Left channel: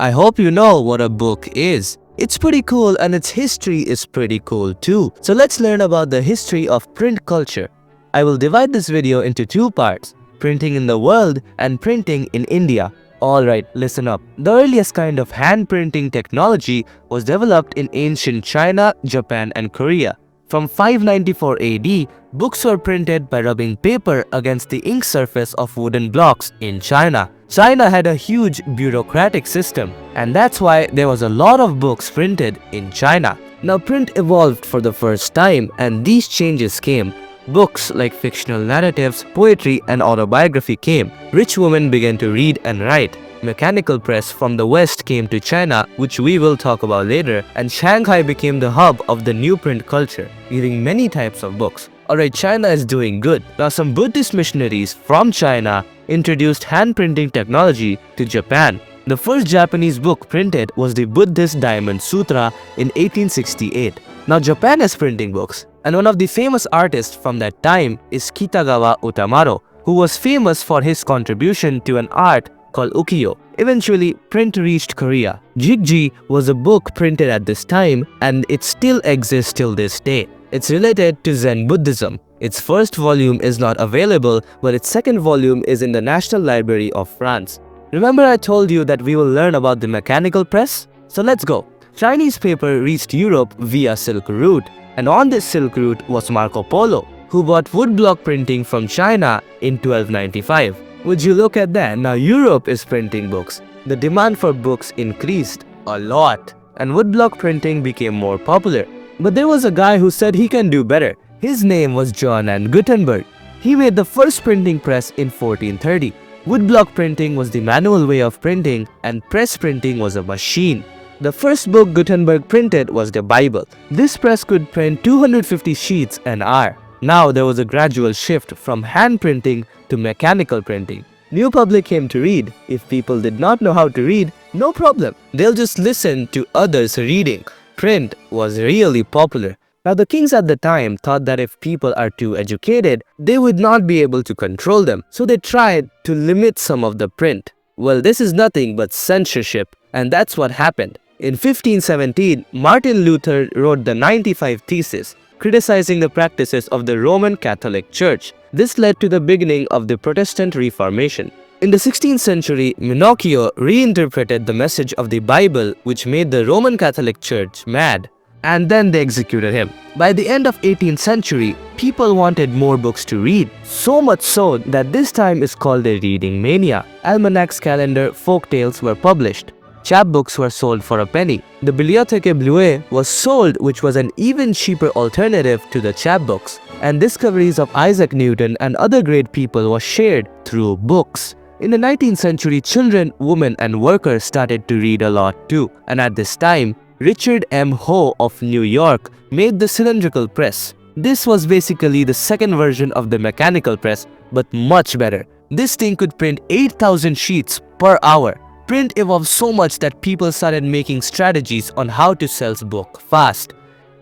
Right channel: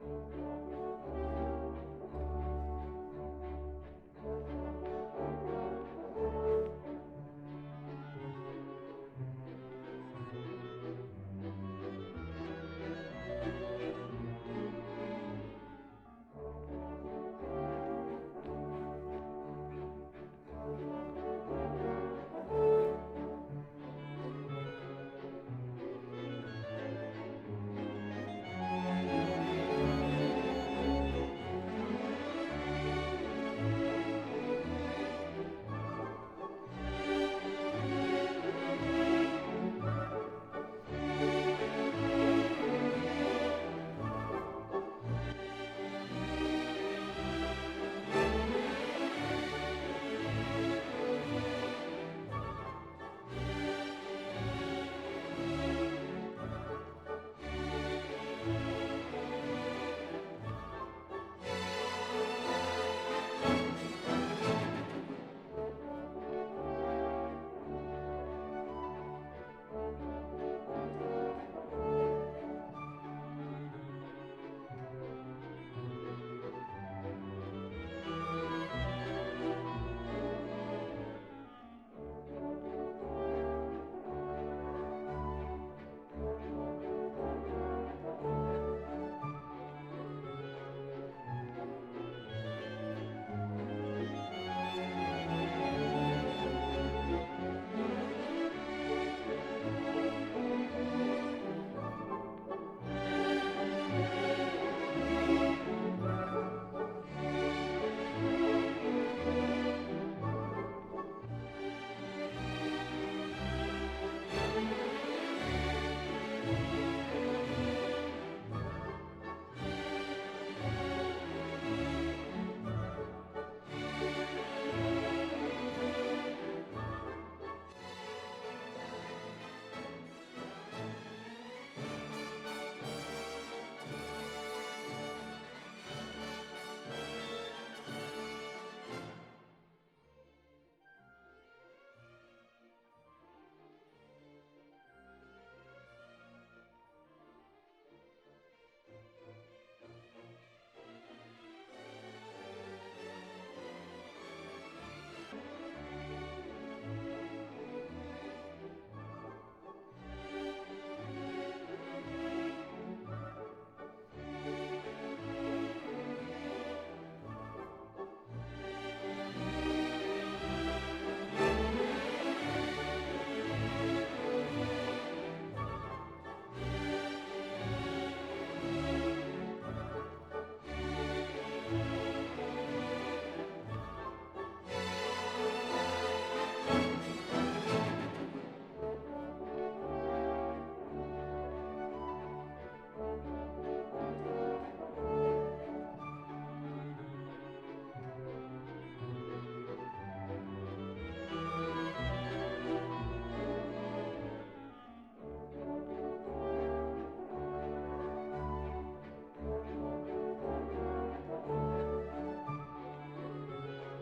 I hope you know what a book is. It's pretty cool and its history is pretty cool too. So let's learn about the history of print culture. I will divide this video into two parts, printing in the world and printing in India. Alright, listen up. The earliest kind of hand printing technology was developed in ancient China, Japan and Korea. From 594 AD, books were printed by rubbing paper against the ink surface of wooden blocks in China. China had a huge bureaucratic system, and that's why there was a lot of books printed in China. Now print evolved for the first time, and these changes came. Books like fictional narratives, poetry and autobiography came. Rich women began to read and write. Mechanical press from the West came to China, which we will talk about later, and Shanghai became the hub of the new print culture, giving many types of books. Alright, China is doing good. Now some Buddhist missionaries from China introduced hand printing technology to Japan. The first Japanese book printed was the Buddhist Diamond Sutra in 1868. Now Japan is printing books, and one of the famous artists from that time is Kitagawa Utamaro, who was famous for his contribution to an art called ukiyo. Eventually, print reached Korea. Jigji was a book printed at this time, and it still exists till this day. It's related to Zen Buddhism. Its first volume is not available, but its second volume is in the National Library of France. Remember I told you that we will learn about the mechanical press? So let's go. Chinese paper reached Europe via Silk Route, and on this Silk Route was Marco Polo, who bought woodblock printing from China in 1295. Would you look at that? Now Europe is printing books. The demand for books increased a lot, and woodblock printing became more popular. But there was a guy who said he can do better. His name was Johann Gutenberg. He made the first printing press in 1430. Woodblock printing was the manual way of printing, and press printing was a machine. The first book Gutenberg printed was the Bible. This press could print 250 sheets an hour. Now there was a gradual shift from hand printing to mechanical printing. New public came to read. If people did not know how to read, no problem. They'll just listen to others reading. Print was really popular. Now the kings at the time thought that if people are too educated, they would not be able to control them. So they tried to limit some of the print. Well, this is nothing but censorship, and that's what happened. In 1517, Martin Luther wrote the 95 Theses, criticizing the practices of the Roman Catholic Church. This led to the beginning of the Protestant Reformation. In the 16th century, Minocchio reinterpreted the message of the Bible, which made the Roman Catholic Church mad, and then they executed him. By the end of 18th century, people wanted more books to read, so much so that this time is called a reading mania. Almanacs, calendar, folk tales were published. Chapbooks were sold for a penny. The Bibliothèque Bleue was sold, which was an even cheaper alternative to the chapbooks. And discoveries of Isaac Newton and other great people were shared through books. In the 19th century, children, women and workers started to read a lot too. And at this time, Richard M. Hoe of New York made the cylindrical press. This was basically the second version of the mechanical press, but much better. This thing could print 8,000 sheets per hour. Print evolved so much that people started making strategies on how to sell book fast.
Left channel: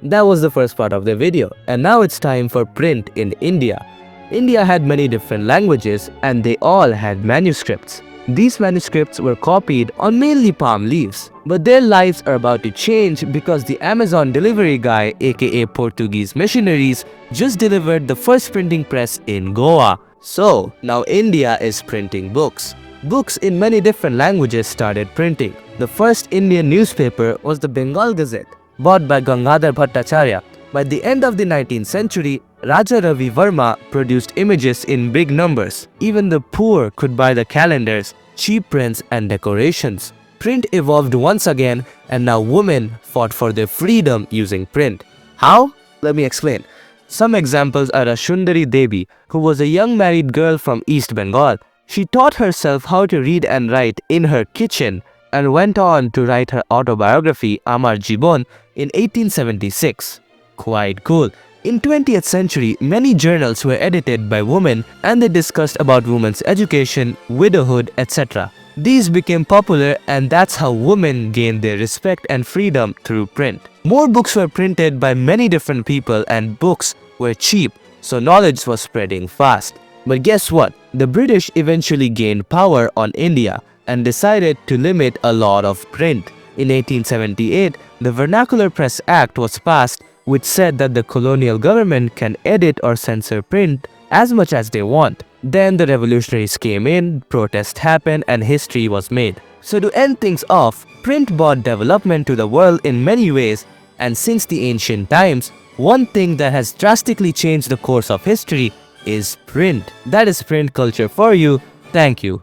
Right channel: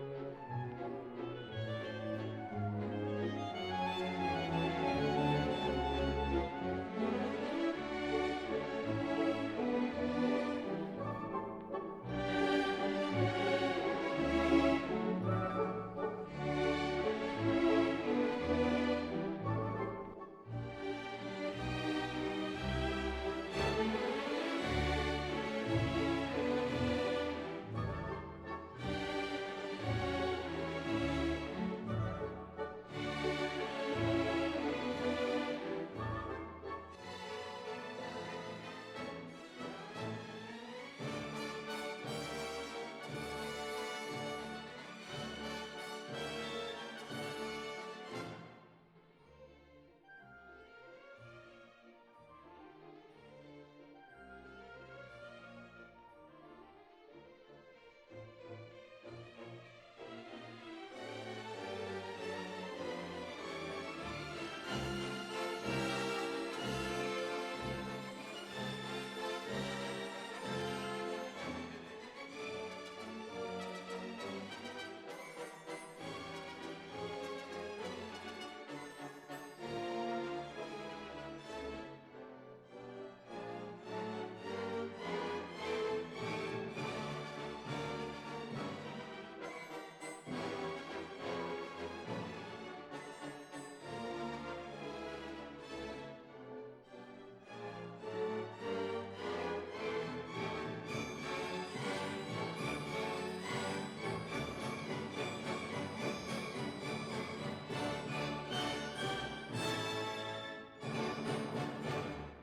That was the first part of the video, and now it's time for print in India. India had many different languages, and they all had manuscripts. These manuscripts were copied on mainly palm leaves, but their lives are about to change because the Amazon delivery guy, aka Portuguese missionaries, just delivered the first printing press in Goa. So now India is printing books. Books in many different languages started printing. The first Indian newspaper was the Bengal Gazette, bought by Gangadhar Bhattacharya. By the end of the 19th century, Raja Ravi Verma produced images in big numbers. Even the poor could buy the calendars, cheap prints and decorations. Print evolved once again, and now women fought for their freedom using print. How? Let me explain. Some examples are Ashundari Devi, who was a young married girl from East Bengal. She taught herself how to read and write in her kitchen and went on to write her autobiography Amar Jibon in 1876. Quite cool. In 20th century, many journals were edited by women and they discussed about women's education, widowhood, etc. These became popular, and that's how women gained their respect and freedom through print. More books were printed by many different people and books were cheap, so knowledge was spreading fast. But guess what? The British eventually gained power on India, and decided to limit a lot of print. In 1878, the Vernacular Press Act was passed, which said that the colonial government can edit or censor print as much as they want. Then the revolutionaries came in, protests happened, and history was made. So to end things off, print brought development to the world in many ways, and since the ancient times, one thing that has drastically changed the course of history is print. That is print culture for you. Thank you.